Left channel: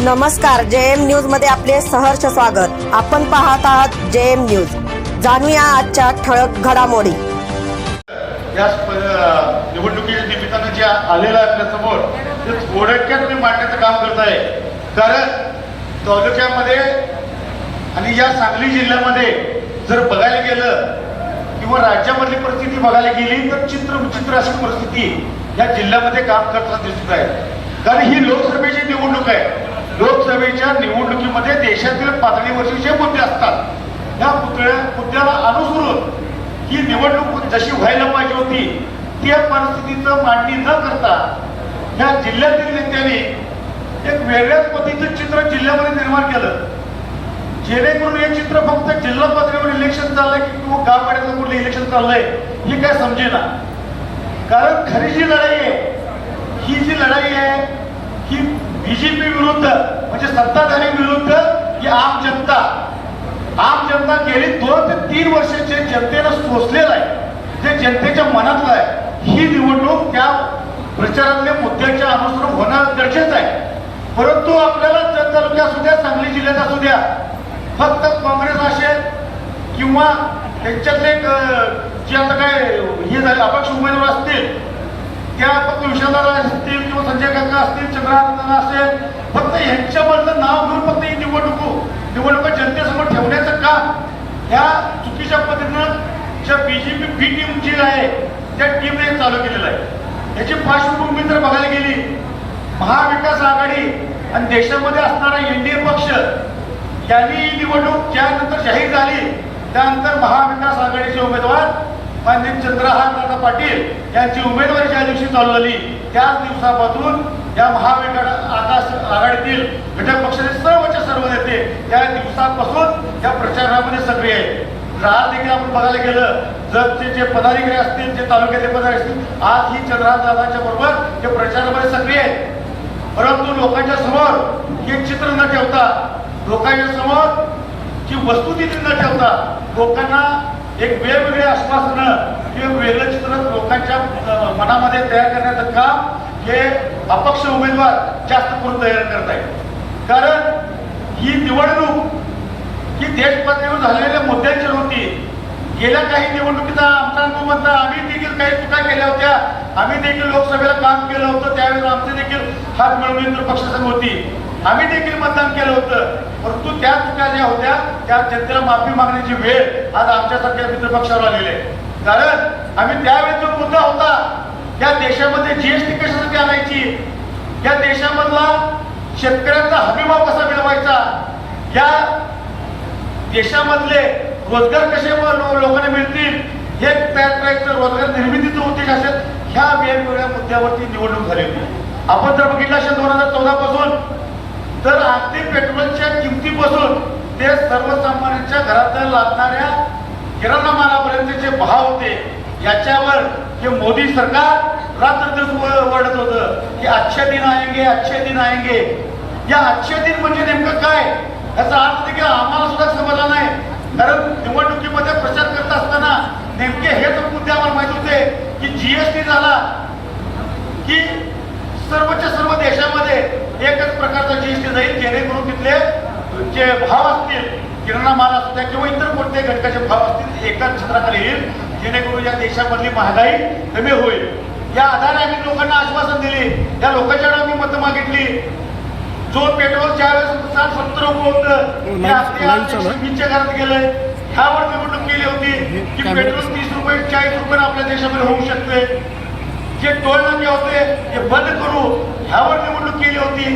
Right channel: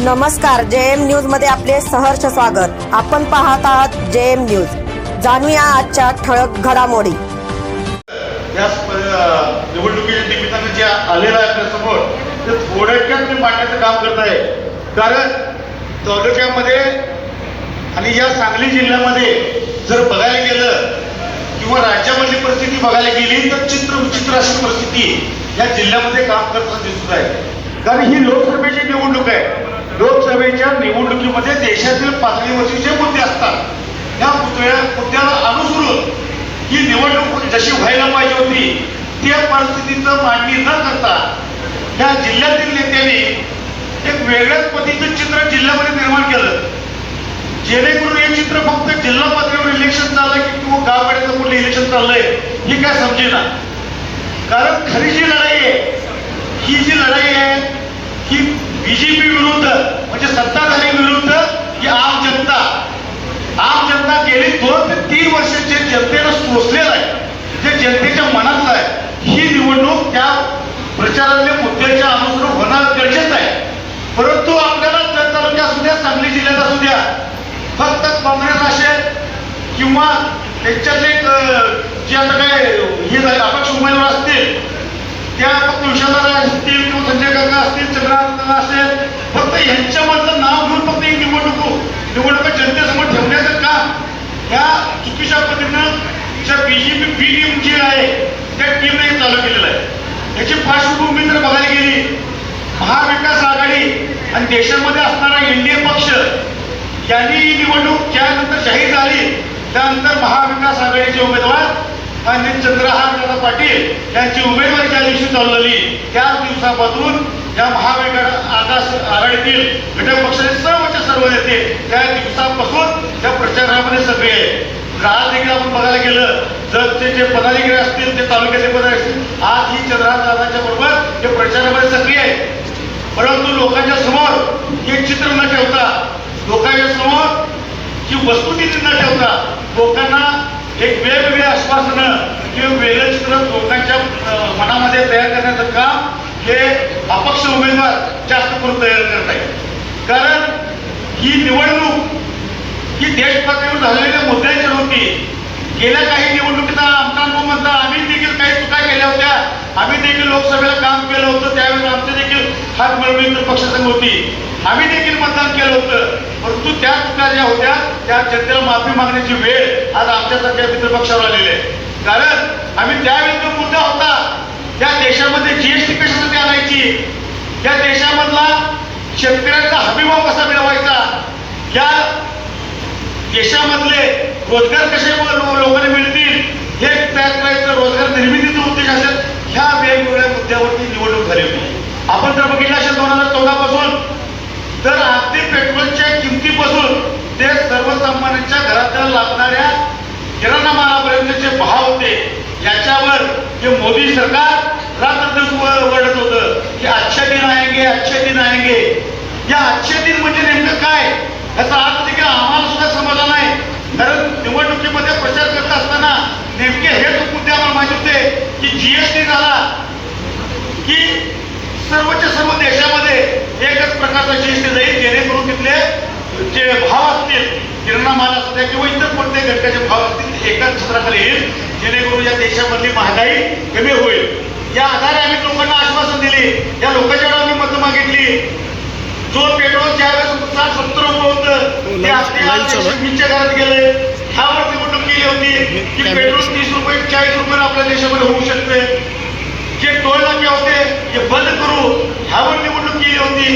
नमस्कार जे एम न्यूजमध्ये आपले सहर्ष स्वागत. आपण पाहत आहात जे एम न्यूज. जाणूया आजच्या ठळक घडामोडी. या निवडणुकीच्या निमित्तानं जे आलेलं आहे आपल्यासमोर ते थोडक्यात तुम्ही मांडण्याचं काम करत आहे. कारण तालुक्यामध्ये आणि या सांगली जिल्ह्यामध्ये जर बघायला गेलं किंवा राज्यामधली परिस्थिती बघायला गेली तर चित्र विचित्र अशी परिस्थिती या जिल्ह्यामध्ये काम करताना दिसत आहे. कारण ही लोकसभेची निवडणूक आहे. लोकसभेच्या निवडणुकीमध्ये देशातील पातळीवरचे जे मुद्दे असतात या मुद्द्या मुद्द्याला अनुसरून ही निवडणूक जशी व्हायला पाहिजे होती त्या परिस्थितीचं मांडणी न करता या जिल्ह्यातील नेत्यांनी एक वेगळ्याच पद्धतीचं चित्र जिल्ह्यामध्ये निर्माण केलं. जेणेकरून हे चित्र फक्त जिल्हा पातळीवर इलेक्शन चाललंय की किंवा गावपाड्याचं कुठलं इलेक्शन चाललंय हे काय समजेना. कारण खरी जी लढाई आहे ही जी लढाई आहे ही बीजेपी विरुद्ध म्हणजे सत्ताधारी विरुद्ध ही आम जनता? आम जनता गेली दोन ते तीन वर्ष जे जनतेनं सोसलेलं आहे जे जनतेच्या मनातलं आहे ही निवडणूक त्या प्रचारातल्या मुद्द्याच्या अनुसरून होणं गरजेचं आहे. परंतु आपल्याला जत तालुक्यात असू द्या सांगली जिल्ह्यात असू द्या फक्त काँग्रेस असेल किंवा त्यांच्यातले जे आता काय हे झाले अपक्ष उमेदवार असतील त्या फक्त असतील किंवा संजय काका असतील चंद्रानंद असेल फक्त यांच्यामधलं नाव घेऊन फक्त एक निवडणूक हो. निवडणूक जनतेसमोर ठेवण्याचं का? या चुकीच्या पद्धतीनं ज्या बीजेपी बी टीम जी आहे त्या टीमने हे चालू केलेलं आहे. याची पार्श्वभूमी जर बघायला गेली महाविकास आघाडी आणि देशामध्ये असणारा एनडीए पक्ष यांनी ही निवडणूक ज्यानंतर जाहीर झाली त्यानंतर महाविकास आघाडीचे उमेदवार मान्य चंद्रहार दादा पाटील. यांची उमेदवारी ज्या दिवशी चालू झाली त्याच दिवसापासून या महाविकास आकाश आघाडीतील घटक पक्षाचे सर्वचे सर्व नेते त्या दिवसापासून त्या प्रचारामध्ये सक्रिय आहे आज देखील आपण बघायला गेलं जर ते जे पदाधिकारी असतील ते तालुक्याचे पदाधिकारी असतील आज ही चंद्रहार दादाच्या बरोबर ते प्रचारामध्ये सक्रिय आहे परंतु लोकांच्या समोर हे चित्र न ठेवता लोकांच्या समोर ही वस्तुस्थिती न ठेवता लोकांना एक वेगवेगळे आश्वासनं किंवा वेगळं चित्र लोकांच्या मनामध्ये तयार करण्याचं काम हे अपक्ष उमेदवार जास्त करून तयार करत आहेत. कारण ही निवडणूक ही देशपातळीवर झालेल्या मुद्द्यांची होती गेल्या काही निवडणुकीचा आमचा अनुभव म्हणता आम्ही देखील काही चुका केल्या होत्या. आम्ही देखील लोकसभेला काम केलं होतं त्यावेळेला आमचे देखील हात मिळवून पक्षसंघ होती. आम्ही देखील मतदान केलं होतं. परंतु त्या चुका ज्या होत्या त्या जनतेला माफी मागण्याची वेळ आज आमच्यासारख्या मित्रपक्षावर आलेली आहे. कारण आम्ही त्यावेळी जो मुद्दा होता त्या देशामध्ये जीएसटी कशासाठी आणायची? या देशामधला शेतकऱ्यांचा हमीभाव कसा मिळवायचा? या देशामधले रोजगार कसे लो- लोकांना मिळतील? हे तयार करायचं रोजगार निर्मितीचा उद्देश असेल ह्या वेगवेगळ्या मुद्द्यावरती निवडणूक झाली होती. आपण जर बघितलं असेल दोन हजार चौदा पासून तर अगदी पेट्रोलच्या किमतीपासून ते सर्वसामान्यांच्या घरात लागणाऱ्या किराणा मालापर्यंत जे भाव होते. याच्यावर हे मोदी सरकार रात्र दिवस व- होतं की अच्छे दिन आएंगे अच्छे दिन आएंगे. या अच्छे दिन म्हणजे नेमकं काय? याचा अर्थ देखील आम्हाला सुद्धा समजला नाही. कारण निवडणुकीमध्ये प्रचार करत असताना नेमके हेच मुद्दे आम्हाला माहिती होते की जीएसटी झाला की सर्वच्या सर्व देशामध्ये एकच प्रकारचा जीएसटी जाईल जेणेकरून तिथले जे भाव असतील किराणा माल असू द्या किंवा इतर कोणत्याही घटकाचे भाव असतील ते एकाच छत्राखाली येईल जेणेकरून या देशामधली महागाई कमी होईल. या आधारे आम्ही लोकांना आश्वासन दिली या लोकांच्या आम्ही मतं मागितली. जो पेट्रोल ज्यावेळेस साठ सत्तर रुपये होतं ते वीसच्या घरात गेलंय. ह्यावर निवडणूक केली होती की पेट्रोल तीस रुपये चाळीस रुपये आपल्या देशामध्ये होऊ शकते? जे टोल नाके होते हे बंद करू ह्यावर निवडणूक केली होती.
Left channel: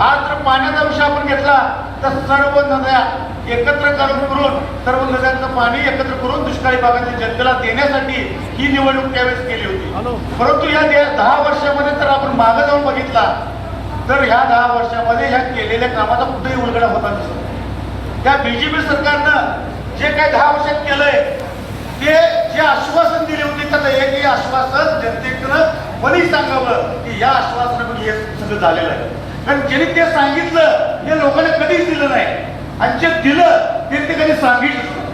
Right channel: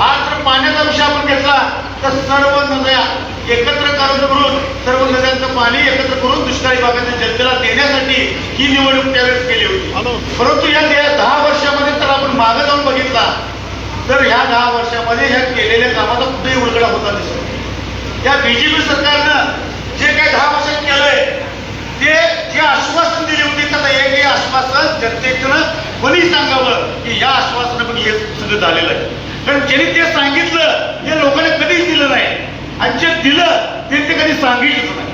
आज जर पाण्याचा विषय आपण घेतला तर सर्व नद्या एकत्र करून सर्व नद्यांचं पाणी एकत्र करून दुष्काळी भागाच्या जनतेला देण्यासाठी ही निवडणूक त्यावेळेस केली होती. परंतु या दहा वर्षामध्ये तर आपण मागे जाऊन बघितला तर ह्या दहा वर्षामध्ये ह्या केलेल्या कामाचा कुठेही उलगडा होता दिसत. या बीजेपी सरकारनं जे काही दहा वर्षात केलंय ते जे आश्वासन दिले होते तर एकही आश्वासन जनतेकडं कोणी सांगावं की या आश्वासनामध्ये हे सगळं झालेलं आहे? कारण ज्यांनी ते सांगितलं हे लोकांना कधीच दिलं नाही. आणि जे दिलं ते ते कधी सांगितलं नाही.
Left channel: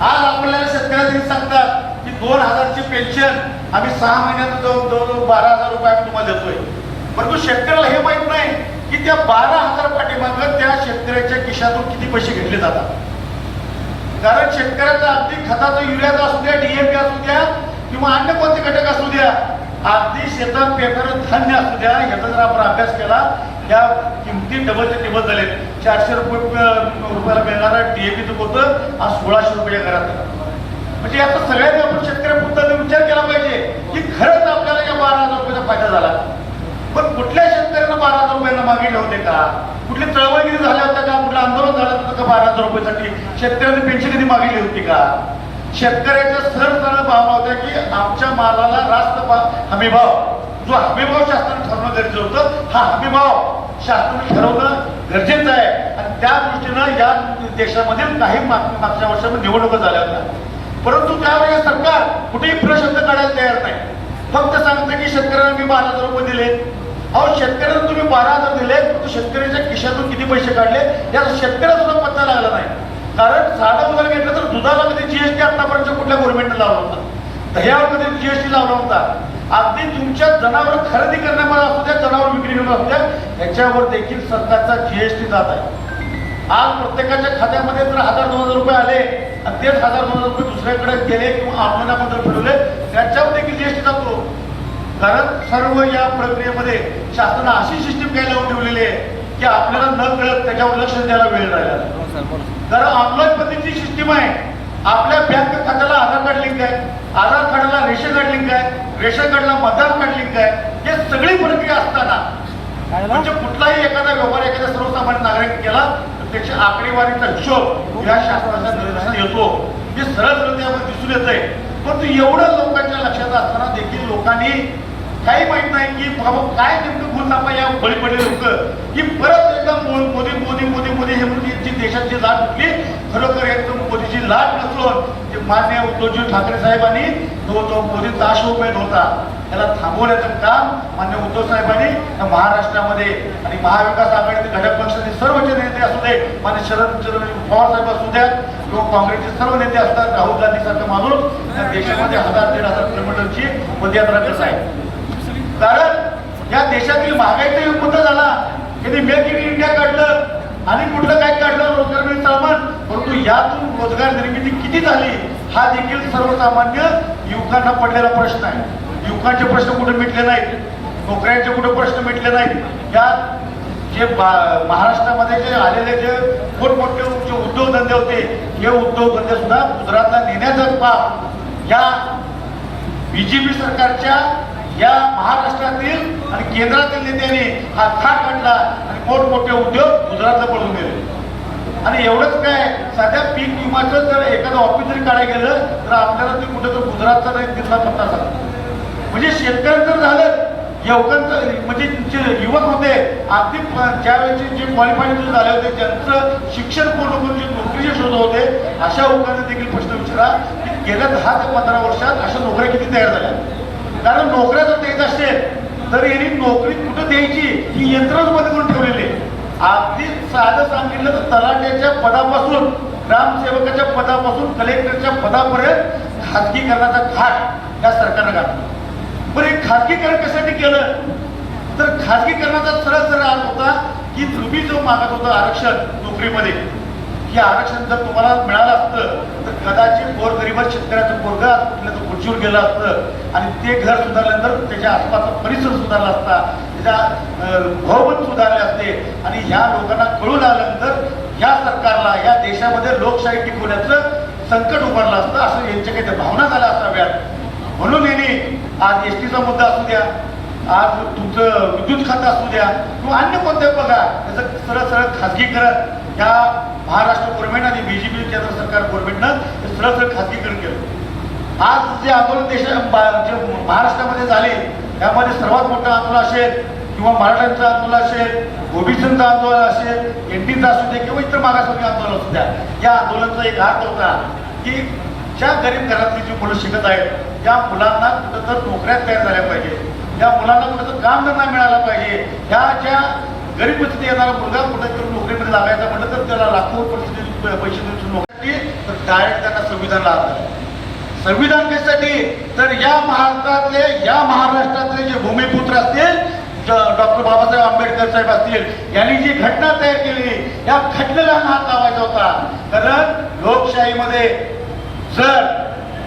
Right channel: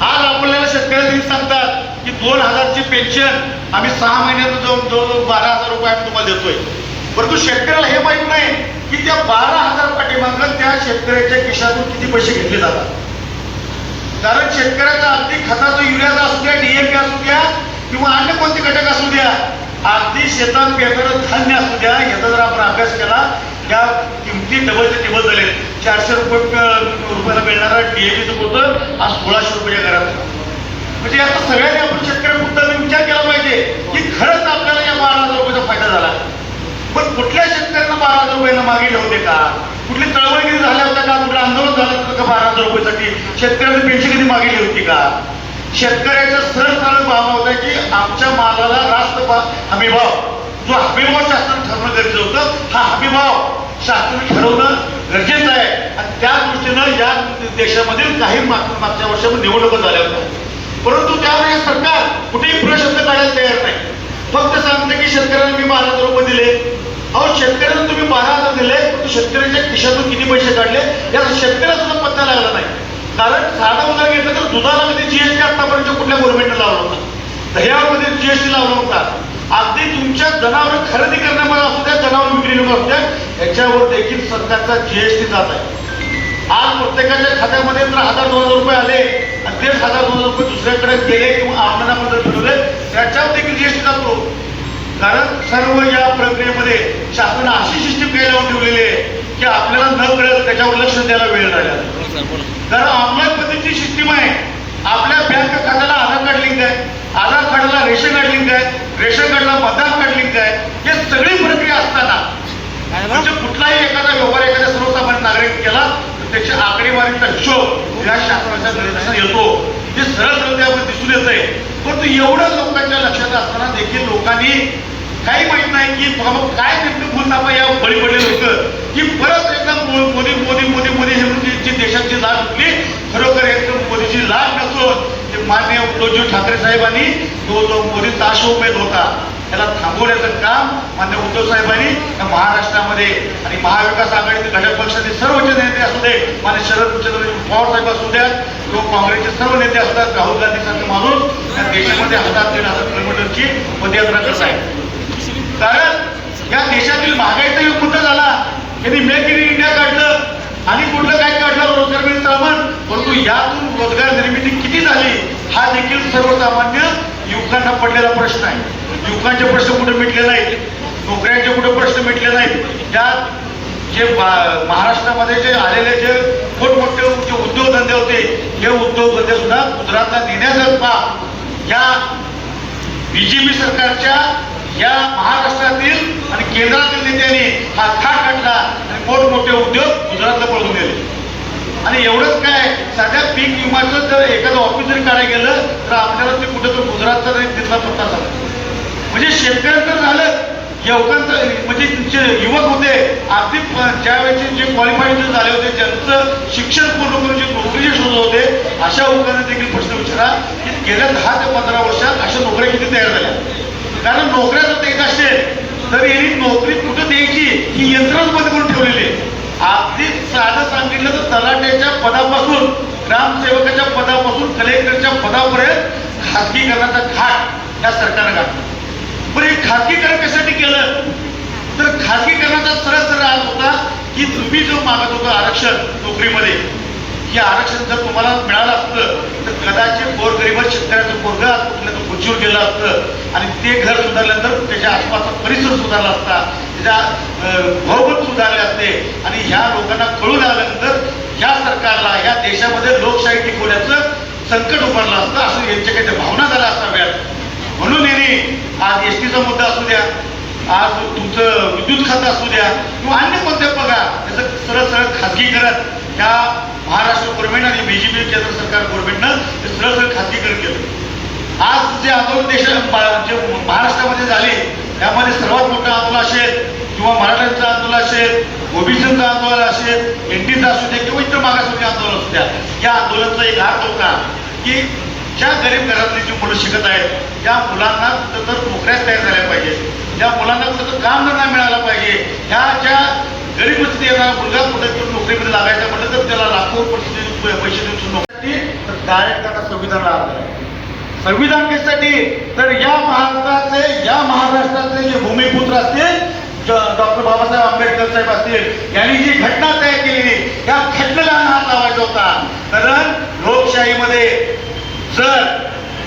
आज आपल्याला शेतकऱ्यांनी सांगतात की दोन हजारची पेन्शन आम्ही सहा महिन्यात जवळ दोन बारा हजार रुपये आम्ही तुम्हाला देतोय. परंतु शेतकऱ्याला हे माहीत नाही की त्या बारा हजार पाठीमागं त्या शेतकऱ्याच्या खिशातून किती पैसे घेतले जातात. कारण शेतकऱ्याचा अगदी खताचा युरियाचा असू द्या डीएपी असू द्या किंवा अन्य कोणते घटक असू द्या अगदी शेतात पेरणारं धान्य असू द्या याचा जर आपण अभ्यास केला त्या किमती डबल टेबल झाले चारशे रुपये रुपयाला मिळणार डीएपीचं होतं आज सोळाशे रुपयाच्या घरात. म्हणजे आता सगळ्यांनी आपण शेतकऱ्यापुरता विचार केला पाहिजे की खरंच आपल्याला या बारा हजार रुपयाचा फायदा झाला. पण कुठल्या शेतकऱ्यांना बारा हजार रुपयांना मागे ठेवते का? कुठली चळवळगिरी झाल्या होत्या का का बारा हजार रुपयासाठी शेतकऱ्यांनी पेन्शन कधी मागितली होती का? शेतकऱ्याच्या सरळ सरळ भावना होत्या की आमच्या मालाला रास्त हमीभाव जो हमीभाव शासनाने ठरवणं गरजेचं होतं हा हमीभाव शासनाने ठरवणं गरजेचं आहे. आणि त्या दृष्टीनं या देशामधील काही मागच्या वर्षामध्ये निवडणुका झाल्या होत्या. परंतु त्यावेळेस सरकार कुठेही प्रशब्द काढायला तयार नाही. फक्त सांगतं की शेतकऱ्यांना मी बारा हजार रुपये दिले. अहो शेतकऱ्यांना तुम्ही बारा हजार दिले परंतु शेतकऱ्यांच्या खिशातून किती पैसे काढले? याचा शेतकऱ्याला सुद्धा पत्ता लागला नाही. कारण साधं उदाहरण घेतलं तर दुधाला मध्ये जीएसटी आतापर्यंत कुठल्या गव्हर्नमेंटने लावला होता? दह्यामध्ये जीएसटी लावला होता. अगदी तुमच्या जनावर खरेदी करण्यामध्ये असू द्या जनावर विक्री असू द्या याच्यावर देखील सरकारचा जीएसटी जात आहे. आज प्रत्येकाच्या खात्यामध्ये जर हजार दोन हजार रुपये आले आणि तेच हजार दोन हजार रुपये दुसऱ्याकडे गेले किंवा आपल्याला जर फिरवले त्याच्यावर देखील जीएसटी जातो कारण सर्व या प्रक्रियेमध्ये शासनानं अशी सिस्टीम काय लावून ठेवलेली आहे की आपल्याला न कळत त्याच्यावर लक्ष द्यायला वेळ राहिला नाही. कारण ऑनलाईन पद्धतीची सिस्टीम आहे. आपल्या बँक खात्याला आधार कार्ड लिंक आहे. आधार कार्डाला रेशन कार्ड लिंक आहे. रेशन कार्डला मतदार कार्ड लिंक आहे. हे सगळी प्रक्रिया असताना म्हणजे कुठलाही एखादा व्यवहार एखाद्या सर्वसामान्य नागरिक केला तर त्याची आकडेवारीचा हिशोब या शासनाच्या निर्देशात येतो. हे सरळ त्यामध्ये दिसून येत आहे परंतु एवढं लोकांच्या लक्षात असताना देखील लोकांनी काही माहीत नाही की बाबा काय नेमकं भूलतापा या बळी पडले लोक की परत एकदा मोदी मोदी मोदी मोदी हे म्हणून देशाची लाज उठली खरोखर एकदम मोदीची लाज नसून ते मान्य उद्धवजी ठाकरे साहेबांनी तो जो मोदी ताशोपेत होता त्याला थांबवण्याचं काम मान्य उद्धव साहेबांनी महाराष्ट्रामध्ये आणि महाविकास आघाडीतील घटक पक्षाचे सर्वच नेते असू दे मान्य शरद पवार साहेब असू द्यात किंवा काँग्रेसचे सर्व नेते असतात राहुल गांधी सारखे माणूस त्या देशामध्ये हजार दीड हजार किलोमीटरची पदयात्रा करत आहे कारण या देशातील महागाईचा युग कुठं झाला. त्यांनी मेक इन इंडिया काढलं आणि कुठलं काय काढलं रोजगार मिळेल सामान परंतु यातून रोजगार निर्मिती किती झाली हा देखील सर्वसामान्य युवकांना पडलेला प्रश्न आहे. युवकांचे प्रश्न कुठे मिटले नाहीत? नोकऱ्यांचे कुठे प्रश्न मिटले नाहीत? यात जे महाराष्ट्रामध्ये जे आलेले जे मोठमोठे जे उद्योगधंदे होते हे उद्योगधंदे सुद्धा गुजरातला देण्याचा पाप या बीजेपी सरकारच्या या महाराष्ट्रातील आणि केंद्रातील नेत्यांनी हा खाट काढला आणि मोठमोठे उद्योग गुजरातला पळून गेले. आणि एवढंच काय साध्या पीक विमाचं जर एखादं ऑफिस जरी काढायला गेलं तर आपल्याला ते कुठं तर गुजरातचा तरी तिथला पत्ता झाला. म्हणजे शेतकऱ्यांचं झालं युवकांचं म्हणजे जे युवक होते अगदी ज्यावेळेचे जे क्वालिफाईड झाले होते ज्यांचं शिक्षण पूर्ण करून जे नोकरीचे शोध होते अशा लोकांना देखील प्रश्न विचारा की गेल्या दहा ते पंधरा वर्षात अशा नोकऱ्या किती तयार झाल्या? कारण नोकऱ्या जर देत असेल तर यांनी नोकरी कुठं द्यायची? ही यंत्रच बंद करून ठेवलेली आहे. अगदी साधं सांगितलं तर तलाट्याच्या पदापासून ग्रामसेवकाच्या पदापासून कलेक्टरच्या पदापर्यंत खाजगीकरणाचा घाट या सरकारनं घातला. पण हे खाजगीकरण कशासाठी केलं? तर खाजगीकरणाचा सरळ सरळ आज होता की तुम्ही जो मागत होता आरक्षण नोकरीमध्ये हे आरक्षण जर तुम्हाला मिळालं असतं तर कदाचित गोरगरीबात शेतकऱ्याचं पोरग आज कुठल्या खुर्चीवर गेलं असतं. आणि ते घर सुधारल्यानंतर त्याच्या आसपासचा परिसर सुधारला असता त्याच्या अं, सुधारले असते. आणि ह्या लोकांना कळून आल्यानंतर ह्या सरकारला ह्या देशामध्ये लोकशाही टिकवण्याचं संकट उभारलं असतं. असं यांच्या काही भावना झाल्या असाव्यात. म्हणून यांनी आज एस टीचा मुद्दा असू द्या आज तुमचं विद्युत खातं असू द्या किंवा अन्य कोणत्या बघा. त्याचं सरळ सरळ खाजगी करत ह्या महाराष्ट्र गव्हर्नमेंट आणि बीजेपी केंद्र सरकार गव्हर्नमेंटनं ते सरळ सरळ खाजगीकरण केलं. आज जे आंदोलन देश जे महाराष्ट्रामध्ये झाले त्यामध्ये सर्वात मोठं आंदोलन असेल किंवा मराठ्यांचं आंदोलन असेल ओबीसीचं आंदोलन असेल एनटीचं असू दे किंवा इतर मागासवर्गीय आंदोलन असू द्या या आंदोलनाचा एक हात होता की ज्या गरीब घरातली जी मुलं शिकत आहेत त्या मुलांना कुठं तर नोकऱ्या तयार झाल्या पाहिजेत. त्या मुलांना कुठं काम नाही मिळालं पाहिजे. ह्या ज्या गरीब परिस्थिती येणारा मुलगा कुठं तरी नोकरीमध्ये लागायचा म्हटलं तर त्याला लाखो परिस्थिती पैसे देऊन सुद्धा नोकरी तर डायरेक्ट त्यांना संविधान लागलं संविधान कशासाठी? तर या भारतातले या महाराष्ट्रातले जे भूमिपुत्र असतील डॉक्टर बाबासाहेब आंबेडकर साहेब असतील यांनी जी घटना तयार केलेली या घटनेला हात लावायचा होता. कारण लोकशाहीमध्ये जर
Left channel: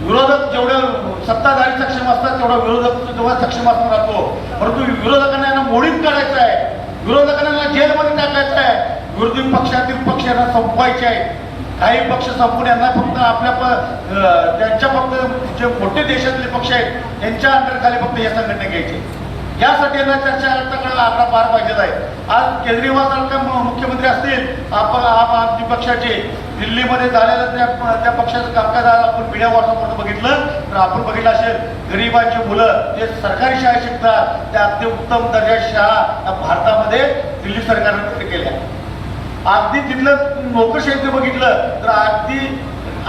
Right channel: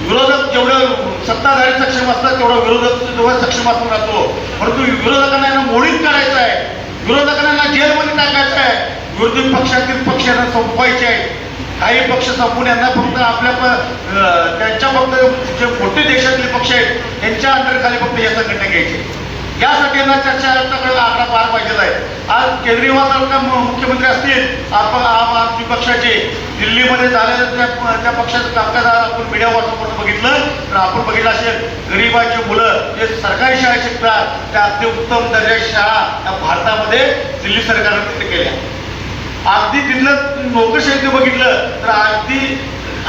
विरोधक जेवढं सत्ताधारी सक्षम असतात तेवढा विरोधक तेवढा सक्षम असतो राहतो परंतु विरोधकांना यांना मोडीत काढायचं आहे विरोधकांना यांना जेलमध्ये टाकायचं आहे विरोधी पक्षातील पक्षांना संपवायचे आहे. काही पक्ष संपून यांना फक्त आपल्या प- त्यांच्या फक्त जे मोठे देशातले पक्ष आहेत त्यांच्या अंडरखाली फक्त या संघटना घ्यायचे यासाठी यांना चर्चा आयुक्ताकडे आकडा पार पाहिजे आहे. आज केजरीवाल सारखा मुख्यमंत्री असतील आपण आम आदमी पक्षाचे. दिल्लीमध्ये झालेलं त्या त्या पक्षाचं कामकाज आपण मीडिया व्हॉट्सअपवर बघितलं तर आपण बघितलं असेल गरीबाची मुलं जे सरकारी शाळेत शिकतात त्या अत्युत्तम दर्जाची शाळा या भारतामध्ये दिल्ली सरकारने तिथे केल्या. अगदी तिथलं नोकरशाहीचं बघितलं तर अगदी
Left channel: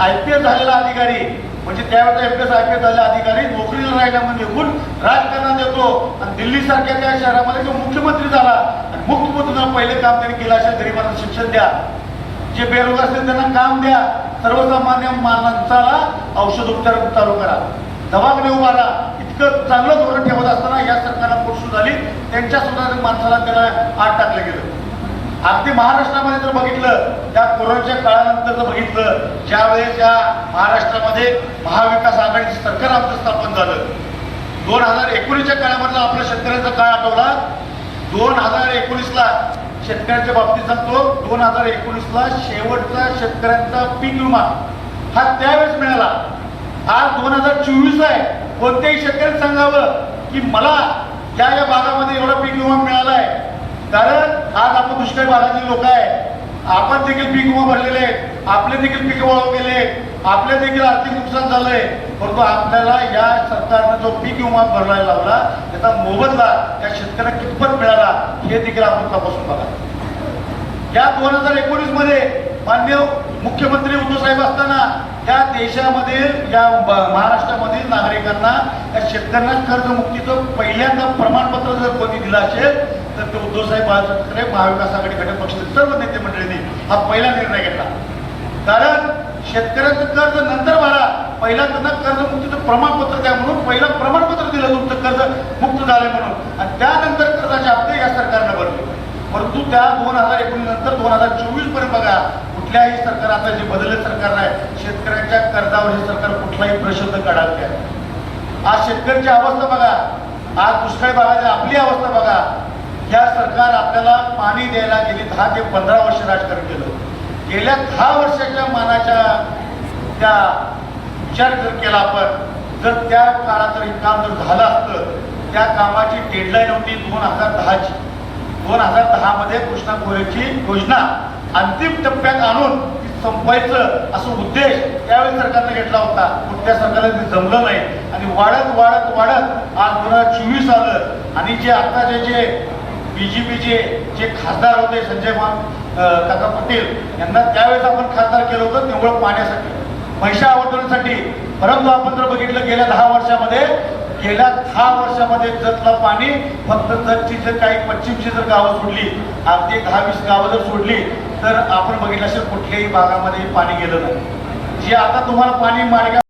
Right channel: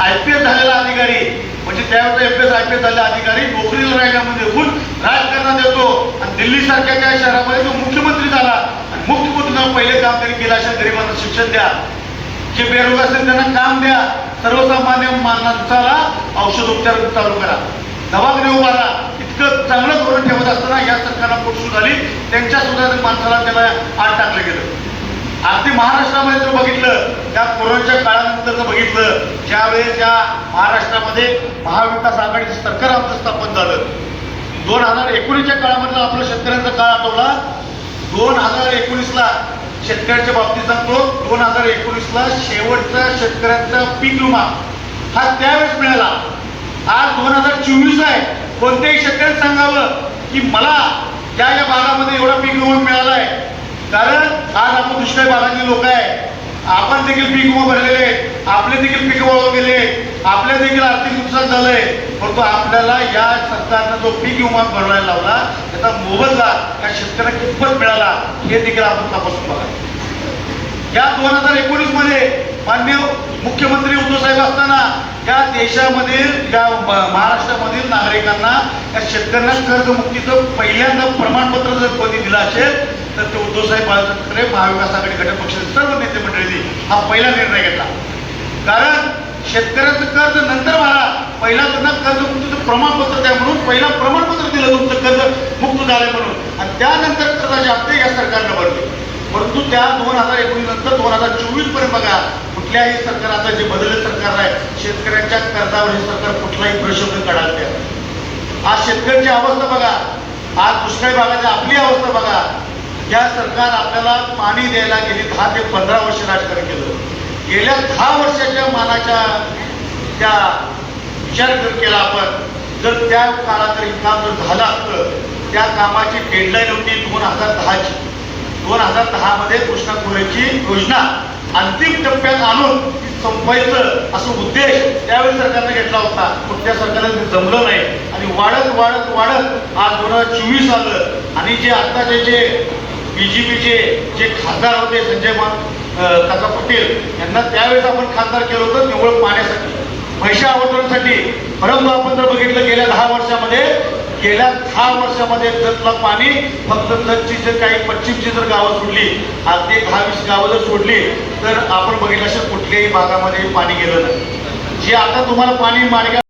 आय पी एस झालेला अधिकारी म्हणजे त्यावेळेला M P S I P S झालेला अधिकारी नोकरीला राहिल्यामध्ये देखून राजकारणात येतो. आणि दिल्लीसारख्या त्या शहरामध्ये तो मुख्यमंत्री झाला. आणि मुख्यमंत्र्यांना पहिले काम तरी केलं अशा गरिबांना शिक्षण द्या. जे बेरोजगार असतील त्यांना काम द्या. सर्वसामान्य माणसाला औषध उपचार चालू करा. दवाखाने उभारा इतकं चांगलं धोरण ठेवत असताना या सरकारला पोटसूट झाली त्यांच्या सुद्धा माणसाला त्याला आत टाकलं गेलं. अगदी महाराष्ट्रामध्ये जर बघितलं त्या कोरोनाच्या काळानंतर जर बघितलं ज्यावेळेस ज्या महाराष्ट्रामध्ये महाविकास आघाडीचं सरकार आमचं स्थापन झालं. दोन हजार एकोणीसच्या काळामधला आपल्या शेतकऱ्यांचा काळ आठवला. दोन हजार एकोणीसला शेतकऱ्यांच्या बाबतीत सांगतो. दोन हजार एकोणीसला शेवटचा शेतकऱ्यांचा पीक विमा हा त्यावेळेस मिळाला. आज दोन हजार चोवीस आहे. कोणत्याही शेतकऱ्यांनी सांगावं की मला या या भागामध्ये एवढा पीक विमा मिळाला आहे. कारण आज आपण दुष्काळी भागातली लोक आहे. आपण देखील पीक उभं भरलेले आपले देखील पीक वळून गेले आपले देखील आर्थिक नुकसान झालंय. परंतु आपल्याला या सरकारनं जो पीक विमा भरवायला लावला त्याचा मोबदला या शेतकऱ्यांना कितपत मिळाला हे देखील आपण तपासून बघा. या दोन हजार एकोणीसमध्ये माननीय मुख्यमंत्री उद्धव साहेब असताना या देशामधील या महाराष्ट्रामधील नागरिकांना या शेतकऱ्यांना कर्जमुक्तीचं पहिल्यांदा प्रमाणपत्र जर कोणी दिलं असेल तर ते उद्धवसाहेब बाळासाहेब ठाकरे महाविकास आघाडी घटक पक्षाचे सर्व नेते मंडळींनी हा पहिला निर्णय घेतला. कारण शेतकऱ्याचं कर्ज नंतर भरा. पहिला त्यांना कर्जमुक्तीचं प्रमाणपत्र द्या म्हणून पहिला प्रमाणपत्र दिलं तुमचं कर्ज मुक्त झालं म्हणून. आणि त्यानंतर कर्जाचे हप्ते या सरकारनं भरले. परंतु त्या दोन हजार एकोणीस नंतर दोन हजार चोवीसपर्यंत बघा कुठल्याही सरकार आता जे बदलले सरकार आहे शेतकऱ्यांच्या कर्जावर हे सरकार कुठलाही प्रशोधन काढायला तयार आज शेतकऱ्यांची अवस्था बघा. आज दुष्काळी भागाची आपली अवस्था बघा. या सरकार आपल्याला पाणी द्यायला गेली दहा ते पंधरा वर्ष राजकारण केलं. गेल्या दहा वर्षाच्या मानाच्या त्या विचार जर केला आपण जर त्या काळात जर हे काम जर झालं असतं त्या कामाची डेडलाईन होती दोन हजार दहाची. दोन हजार दहा मध्ये कृष्णा खोऱ्याची योजना अंतिम टप्प्यात आणून संपवायचं असं उद्देश त्यावेळी सरकारने घेतला होता. कोणत्या सरकारला ते जमलं नाही. आणि वाढत वाढत वाढत आज दोन हजार चोवीस आलं. आणि जे आत्ताचे जे बीजेपीचे जे खासदार होते संजय मा काका पटेल यांना त्यावेळेस आपण खासदार केलं होतं केवळ पाण्यासाठी पैसा आवडण्यासाठी परंतु आपण जर बघितलं गेल्या दहा वर्षामध्ये गेल्या दहा वर्षामध्ये जतला पाणी फक्त जतची जर काही पश्चिमची जर गावं सोडली अगदी दहा वीस गावं जर सोडली तर आपण बघितलं असेल कुठल्याही भागामध्ये पाणी गेलं नाही. जे आता तुम्हाला पाणी मार्ग